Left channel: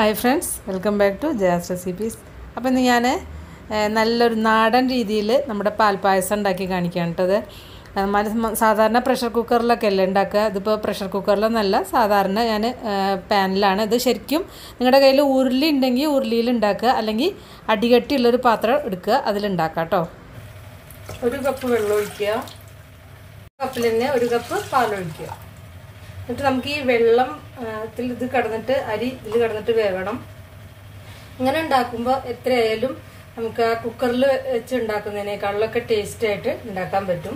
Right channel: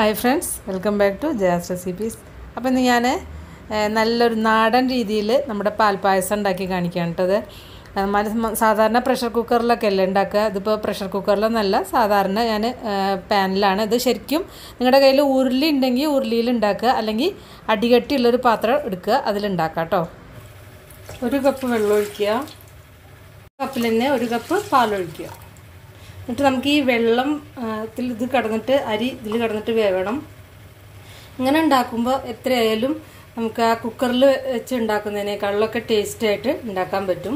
Hi friends, welcome back to jaya'srecipes. അപ്പോൾ ഇന്ന് ഞാൻ നല്ലൊരു നാടൻ രീതിയിൽ നമ്മുടെ പാൽപായസം ഉണ്ടാക്കി കാണിക്കാനാണ്. സാധാരണ പ്രഷർ കുക്കറിലൊക്കെ അല്ലേ ഉണ്ടാക്കുക. ഇതിപ്പോൾ പ്രഷർ കുക്കറിലൊന്നല്ല, സാധാരണ ഞാൻ പാനിലാണ്. ഇത് ശരിക്കും നിങ്ങളുടെ കയ്യിൽ ഉരുളി ഉണ്ടെങ്കിൽ ഉരുളിയിൽ ഉണ്ടാക്കുക, അല്ലെങ്കിൽ അടികട്ടിയുള്ളൊരു പാത്രം എടുക്കുക, അതിലുണ്ടാക്കുക കേട്ടോ. 1 കപ്പ് വെള്ളം ഒഴിക്കുക, കപ്പിൽ തന്നെ 1 കപ്പ് പാലൊഴിക്കുക. എന്നിട്ട് നമുക്ക് ഈ വെള്ളം ഇത് കിടന്നിട്ട് അരി ഇതിൽ കിടന്നിട്ട് വേവണം. ഇങ്ങനെ ഉണ്ടാക്കുമ്പോൾ എത്രയായാലും നമുക്ക് ആ കുക്കറിൽ വെച്ച് ഉണ്ടാക്കുന്നതിനേക്കാളിലൊക്കെ ടേസ്റ്റ് ആയിട്ട് ഉണ്ടാക്കാൻ പറ്റും.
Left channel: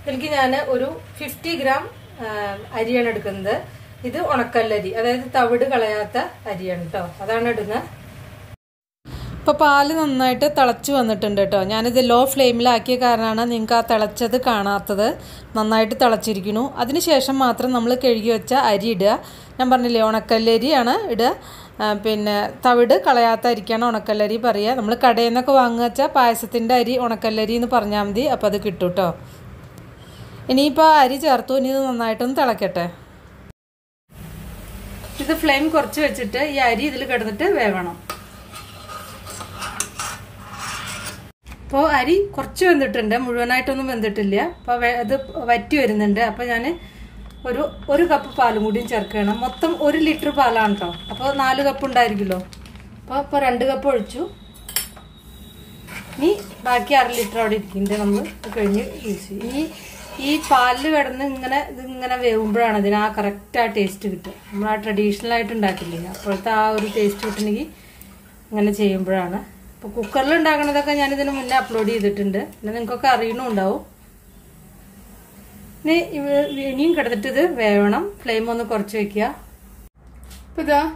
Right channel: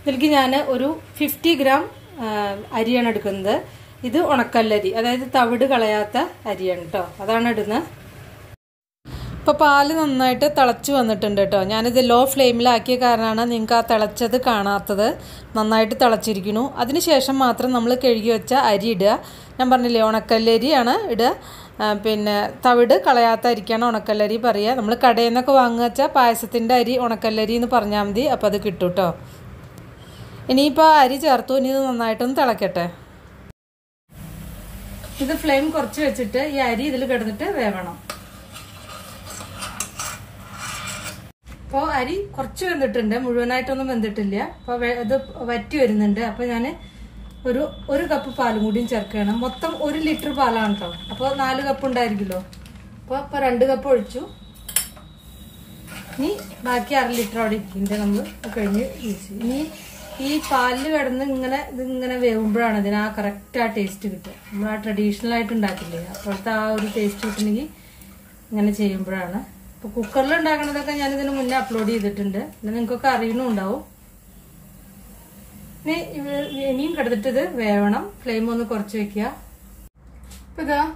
ഇതിലേക്ക് ഞാൻ ഒരു 50 ഗ്രാം അരിയാണ് എടുക്കുന്നത്. ഇത് ഉണക്കല്ലരി, അതായത് തവിട് കളയാത്ത അരിയാണ് കേട്ടോ, അതാണ് ഇടുന്നത്. ഇപ്പോൾ പാല് നന്നായിട്ട് തിളച്ച് വന്നിട്ടുണ്ട് കേട്ടോ. ഞാനിത് ലോ ഫ്ലെയിമിലാക്കിയ കാരണമാണ് നിങ്ങൾക്ക് ആ തിളച്ചത് കാണാത്തത്. നന്നായിട്ട് തിളച്ചിരിക്കുന്നു. അതിനുശേഷം മാത്രം നമ്മൾ കഴുകി വെച്ച അരി ഇടുക. ഞാൻ പറഞ്ഞില്ലേ, ഉണക്കല്ലരിയാണ് ഇടുക. പിന്നെ തവിട് കളയാത്ത അരിക്കാണ് ഉണക്കല്ലരി പറയുക. നമ്മൾ കടയിൽ നിന്നൊക്കെ വാങ്ങുക വെച്ചാൽ പായസത്തിൻ്റെ അരി ഉണക്കല്ലരി എന്ന് പറഞ്ഞാൽ മതി, അപ്പോൾ അത് കിട്ടും കേട്ടോ. ഇനിയിപ്പോൾ അരി ചേർത്തു, ഇനി ഇത് നന്നായിട്ടൊന്ന് തിളക്കട്ടെ. ഇത് ഫ്ലെയിം കുറച്ച് വെച്ചിട്ട് ഈ അരി ഇതിൽ കിടന്നിട്ട് വേവണം. അപ്പോൾ അരി കുറച്ച് വെന്തിട്ടുണ്ട്, മുഴുവനായിട്ടൊന്നും വെന്തിട്ടില്ല. അപ്പോൾ അത് വറ്റി വരുന്നുണ്ട്. അപ്പോൾ ഞാൻ ഒരു കപ്പ് പാലും കൂടിയും ചേർക്കണം. മൊത്തം 1 ലിറ്റർ പാലാണ് കേട്ടോ. അപ്പോൾ 4 കപ്പ് ഉണ്ടായിരിക്കുമല്ലോ. അപ്പോൾ 2 കപ്പ് ഒഴിച്ചു. ഇനി ബാക്കി 1/2 ലിറ്റർ അവിടെ ഇരിക്കുന്നുണ്ട്, നമ്മൾ കഴിഞ്ഞ് യൂസ് ചെയ്യും. ഇനി ഈ പാലിൽ കിടന്ന് ഇതിങ്ങനെ വേവുമ്പോഴാണ് ഇതിന് ആ കറക്റ്റ് ആ ടേസ്റ്റ് കിട്ടുക. നമ്മൾ ആ ട്രഡീഷണൽ ആയിട്ട് ഉണ്ടാക്കില്ലേ, അപ്പോഴത്തെ ആ ഒരു ടേസ്റ്റ് കിട്ടണമെങ്കിൽ ഇങ്ങനെ ചെയ്യുമ്പോഴാണ്. ഇപ്പോൾ കുക്കറിൽ ഉണ്ടാക്കണതൊക്കെ ഞാനിതിന് മുന്നേ അപ്ലോഡ് ചെയ്തിട്ടുണ്ട്, പിന്നെ നിങ്ങൾക്കൊക്കെ അറിയണമുണ്ടാവും. ഇനിയും കിടന്നിട്ട് ഇത് വേവണം. ഫ്ലെയിം ഒന്ന് കുറച്ച് വെക്കുക. ഇപ്പം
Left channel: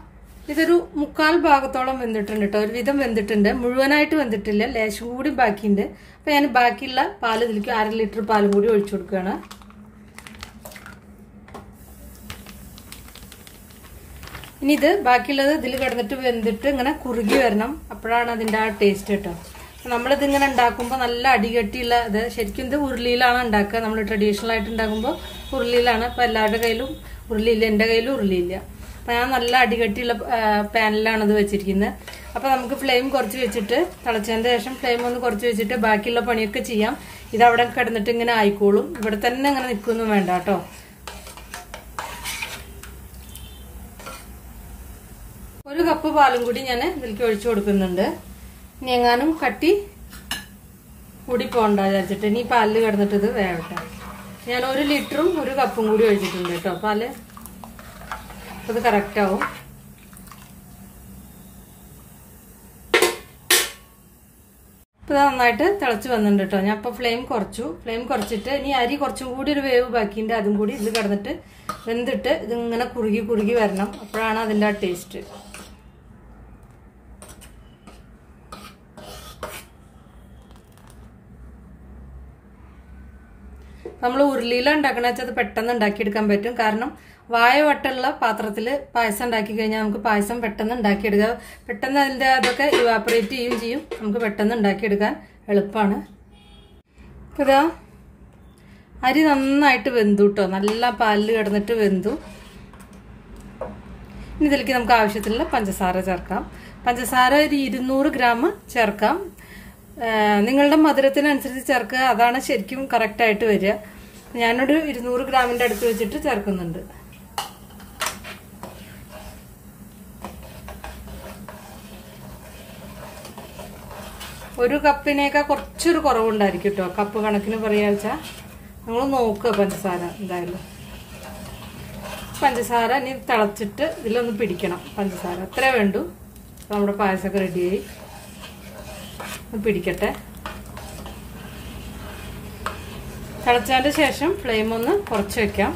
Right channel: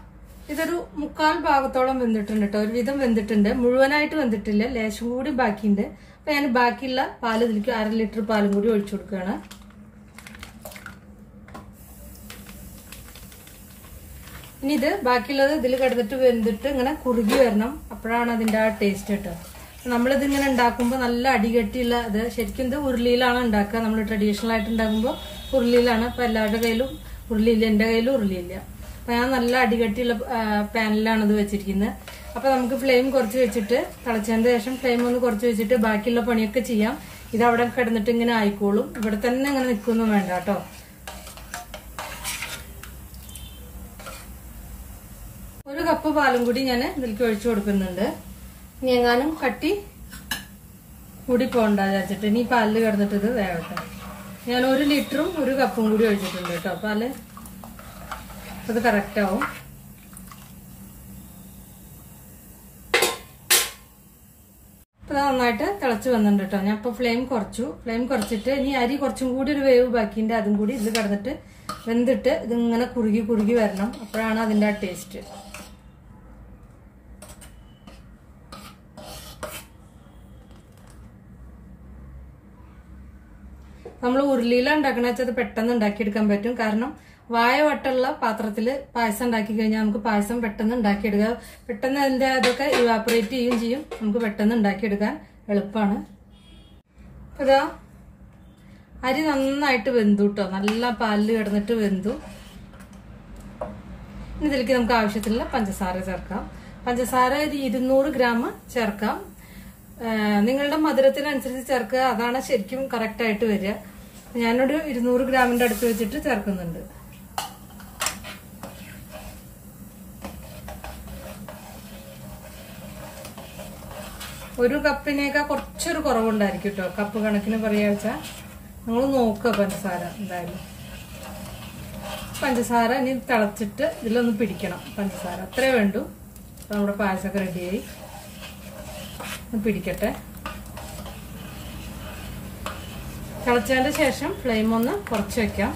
ഇതൊരു 3/4 ഭാഗത്തോളം വെന്തിട്ടുണ്ട് കേട്ടോ. ഒരുവിധം വെന്തിട്ടുണ്ട്, മുഴുവനായിട്ട് വെന്തിട്ടില്ല, ലേശം കൂടി ബാക്കിയുണ്ട്. അപ്പം ഞാൻ ബാക്കിയുള്ള പാല് ഇതിലേക്ക് 1/2 ലിറ്റർ പാലും കൂടി ഒഴിച്ചു കൊടുക്കുകയാണ്. ഇനി ഇത് ബാക്കിയുള്ളത് ഇതിൽ കിടന്നിട്ട് വെന്തിട്ട് ഇങ്ങനെ കുറുകി വരണം. അപ്പോഴാണ് അതിൻ്റെ ആ ടേസ്റ്റ് കിട്ടുക. നമ്മളിതിങ്ങനെ ഉണ്ടാക്കുമ്പോൾ നല്ല അടികട്ടിയുള്ള ഇത് ശരിക്കും ഇത് ഉരുളിയിലാണ് ഉണ്ടാക്കുക. നമ്മൾ ട്രഡീഷണൽ ആയിട്ട് ഉണ്ടാക്കുമ്പോൾ ഉരുളിയിലാണ്. അപ്പോൾ എല്ലാവരുടെ കയ്യിലും ഉരുളിയില്ല, എൻ്റെ കയ്യിലും ഉരുളിയില്ല. അപ്പം ഞാൻ നല്ല അടികട്ടിയുള്ള പാനിലാണ് ഇത് വെച്ചിരിക്കുന്നത്. അപ്പം നമുക്ക് ഫ്ലെയിം കുറച്ച് വെച്ചിട്ട് തിളച്ചതിന് ശേഷം ഫ്ലെയിം ഒന്ന് കുറച്ച് വെച്ചിട്ട് ബാക്കിയുള്ള പണിയൊക്കെ ചെയ്യാം. ഇത് അവിടെ കിടന്നിട്ട് ഇങ്ങനെ ആയിക്കോളും. ഇവിടെ തന്നെ ഇങ്ങനെ നിൽക്കൊന്നും വേണ്ട കേട്ടോ. ഒരു കപ്പ് പാലും കൂടി ഞാൻ ഇതിലേക്ക് ഒഴിച്ചു കൊടുക്കുന്നുണ്ട്. ഇനി എങ്ങാനും കട്ടി കൂടി പോകണ്ട വിചാരിച്ചിട്ട് ഇനി പാലിൽ കിടന്നിട്ട് ഇത് വേവട്ടെ. ഞാൻ 1 ലിറ്ററും 1 കപ്പും കൂടി ഒഴിച്ചിട്ടുണ്ട് കേട്ടോ. പാല് ഇത് കറക്റ്റ് ആവും. ഇപ്പൊ നന്നായിട്ട് തിളച്ച് വന്നിട്ടുണ്ട് കേട്ടോ. ഞാൻ ഇപ്പൊ ഫ്ലെയിം കുറച്ചു. ഫ്ലെയിം കുറച്ചിട്ട് ഇനി അരി കുറച്ചും കൂടി ഒരു വേവ് ബാക്കിയുണ്ട്, അതും കൂടി ഇതിൽ കിടന്നിട്ട് വെന്തിട്ട് ഇതിങ്ങനെ കുറുകി വരണം. അപ്പോഴാണ് അതിൻ്റെ ആ ടേസ്റ്റ്. നമ്മൾ ഉരുളിയിലാണ് ഉണ്ടാക്കണ വെച്ചാൽ അത് പെട്ടെന്ന് ഉണ്ടാക്കിയെടുക്കാൻ പറ്റും. കാരണം വായ വട്ടുള്ള പാത്രത്തിൽ പായസം ഉണ്ടാക്കി കഴിഞ്ഞാൽ നമുക്ക് പായസം പെട്ടെന്ന് ഉണ്ടാക്കിയെടുക്കുക. പെട്ടെന്ന് അതിൻ്റെ അതൊക്കെ ഇവാപ്പറേറ്റ് ചെയ്യുകയും ചെയ്യും. നമുക്ക് പെട്ടെന്ന് ഉണ്ടാക്കിയെടുക്കാൻ എളുപ്പമാണ്. ഇതാ അരി നന്നായിട്ട് വെന്തു കേട്ടോ. നല്ല പാലിൽ കിടന്നിട്ട് വെന്തു. ഇനി ഇതിലേക്ക് നമുക്ക് ആവശ്യത്തിലുള്ള പഞ്ചസാര ചേർക്കാം. പഞ്ചസാര ഒരു 200 ഗ്രാം ചേർക്കാം. നിങ്ങളുടെ മധുരത്തിനനുസരിച്ച് ചേർക്കുക, അതാണ് ശരിക്കും കറക്റ്റായിട്ട് വരിക. ഞാനൊരു 200 ഗ്രാമിന്റെ അടുത്ത് വെച്ചിട്ട് ചേർക്കുന്നുണ്ട്. ഒരു കപ്പിനേക്കാൾ കുറച്ചൊരു കുറവുണ്ടായിരിക്കും കേട്ടോ. കപ്പ് കണക്കിന് പറയാച്ച നിങ്ങൾ നോക്കുക പഞ്ചസാര. എന്തായാലും പഞ്ചസാര ഇനി തിളച്ചിട്ട് ഇതിലൊന്ന് പിടിക്കണം. പഞ്ചസാര അത്രേ വേണ്ടു. നമ്മുടെ പായസമൊക്കെ റെഡിയായി. പിടിക്കട്ടെ. തിളച്ചതിന്റെ ശേഷം ഫ്ലെയിം ഒന്ന് കുറച്ച് വെക്കാം.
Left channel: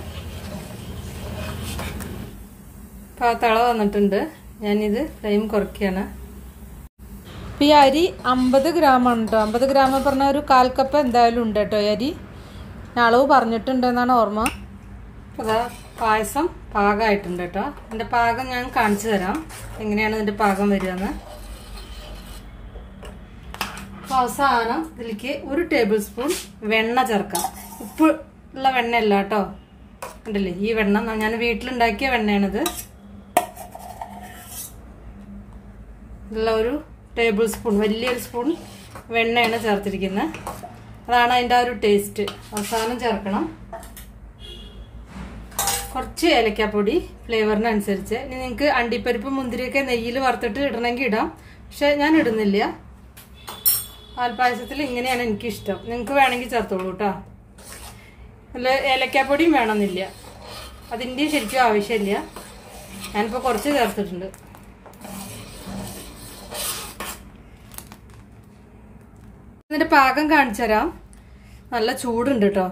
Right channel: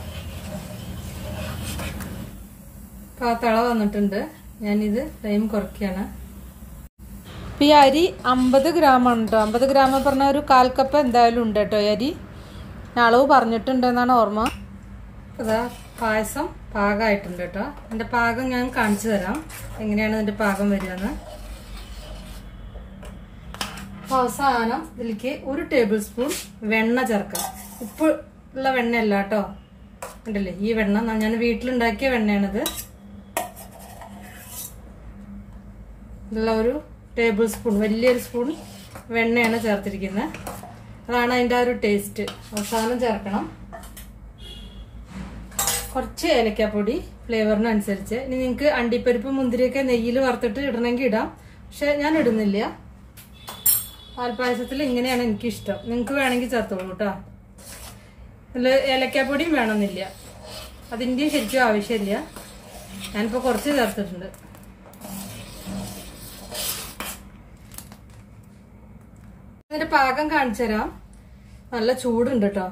അപ്പോൾ തിള വന്നിട്ടുണ്ട്. ഞാനിത് ഫ്ലെയിം കുറയ്ക്കുകയാണ്. ഇപ്പം ഈ അരി 50 ഗ്രാമാണ് കേട്ടോ. 50 ഗ്രാം പറഞ്ഞാൽ ഒരു 1/4 കപ്പ് എന്തായാലും ഉണ്ട് കേട്ടോ. ഈ അരി ഞാൻ അളവ് പറഞ്ഞിട്ടുണ്ടെന്നാണ് ഓർമ്മ. അതാ പായസം പാകമായിട്ടുണ്ട് കേട്ടോ. ഇതിൻ്റെ പാകം ഞാൻ കാണിച്ചു തരാം, എങ്ങനെയാണ് ഇതിൻ്റെ പാകം വരികയെന്ന്. അവസാനം ഇതിലേക്ക് 1 ടേബിൾ സ്പൂൺ വെണ്ണ ചേർക്കാം. ഉപ്പ് ഉള്ള വെണ്ണയല്ല കേട്ടോ. കണ്ടില്ലേ, ഈ വെണ്ണ ഞാൻ വീട്ടിലുണ്ടാക്കിയ വെണ്ണയാണിത്. ഇതിലുള്ള ഒരു ടേബിൾ സ്പൂൺ, വലിയൊരു സ്പൂൺ വെണ്ണയാണ് ചേർത്തിരിക്കുന്നത്. അതാണ് അതിൻ്റെ ആ ഒരു ടേസ്റ്റ്. അവസാനം ചേർക്കണം കുറച്ച് ഏലക്കാപ്പൊടി ഫ്ലേവറിനനുസരിച്ച്. ഇനി നിങ്ങൾക്ക് അണ്ടിപ്പരിപ്പ് മുന്തിരിയൊക്കെ നെയ്യിൽ വറുത്തിട്ട് ഇടണമെങ്കിൽ ഇടാം, പക്ഷെ ഞാൻ ഇടുന്നില്ല. പാൽപ്പായസത്തിൽ ഇങ്ങനെയാണ് എനിക്കിഷ്ടം. നിങ്ങൾക്ക് വേണമെങ്കിൽ ചേർത്തോളൂ കേട്ടോ. അല്ല, ഏലക്കാപ്പൊടിയും വേണമെന്നില്ല, അതിൻ്റെ ശരിക്കും ആവശ്യമില്ല. ഞാനിപ്പോൾ കുറച്ച് ചേർത്തിട്ടുണ്ട്. ഇതിന്റെ പാകം കാണിച്ചു തരാം. നല്ല ചൂടുണ്ട് കേട്ടോ.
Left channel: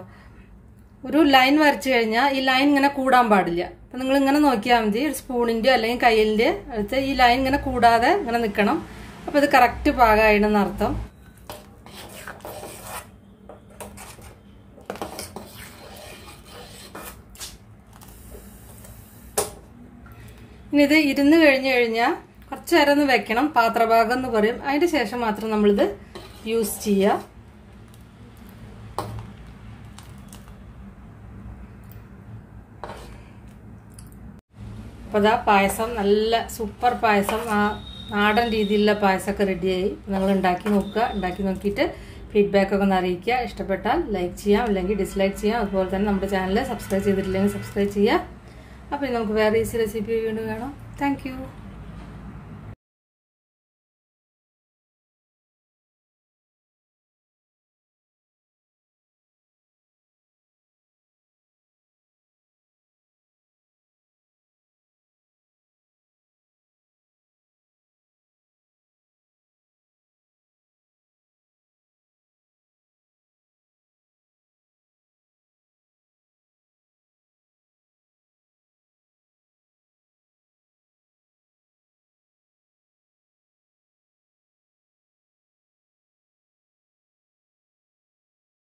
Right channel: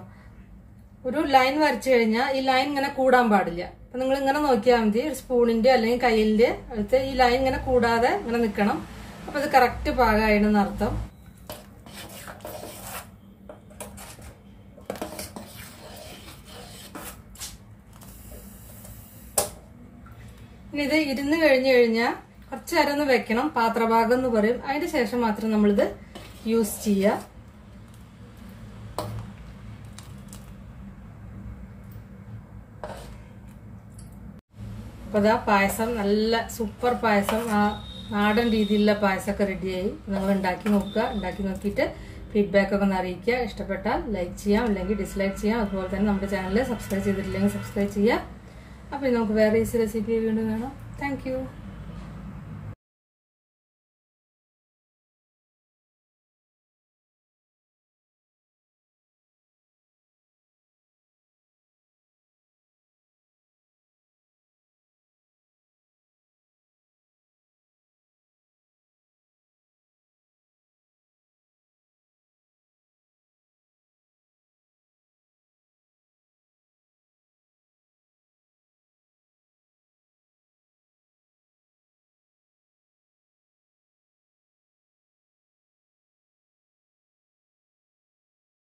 ഒരു ലൈൻ വരച്ചു കഴിഞ്ഞാൽ ഈ ലൈൻ ഇങ്ങനെ കൂടാൻ പാടില്ല. അപ്പൊ നിങ്ങൾ ഇങ്ങനെ നോക്കിയാൽ മതി. ഒരു സ്പൂണിന്റെ അല്ലെങ്കിൽ കയ്യിലിന്റെ അടുത്ത് ഈ ലൈൻ ഇങ്ങനെ കൂടാതെ ഇങ്ങനെ നിൽക്കണം. അപ്പൊ ഇത് കറക്റ്റ് പാകമായിടെന്ന് അർത്ഥം. ഇനി ഇത് ഇരുന്ന് കഴിഞ്ഞാൽ കുറച്ചു നേരം ഒന്ന് വെക്കണം. പാത്രഭാഗം എന്ന് പറയും. അതിന് ശേഷം മാത്രം നമ്മളിത് യൂസ് ചെയ്യുക. അപ്പോൾ ഇതാ പായസം, നല്ല സൂപ്പർ പായസം, ആ നാടൻ രീതിയിലുള്ള പായസമൊക്കെ റെഡിയായി. നിങ്ങൾ ഉണ്ടാക്കി നോക്കുക. ഉണ്ടാക്കി നോക്കിയിട്ട് ഫീഡ്ബാക്കൊക്കെ ഒന്ന് അറിയിക്കുക. ഇഷ്ടപ്പെട്ടാൽ ലൈക്ക് ചെയ്യാം, അല്ലെങ്കിൽ ഡിസ്ലൈക്ക് ചെയ്യാം. അതുപോലെ തന്നെ നമ്മുടെ ചാനൽ സബ്സ്ക്രൈബ് ചെയ്തിട്ടില്ലെങ്കിൽ സബ്സ്ക്രൈബ് ചെയ്യുക. അപ്പോൾ നമുക്ക് വേറെ ഈസി റെസിപ്പി വീണ്ടും കാണാം. Thank you.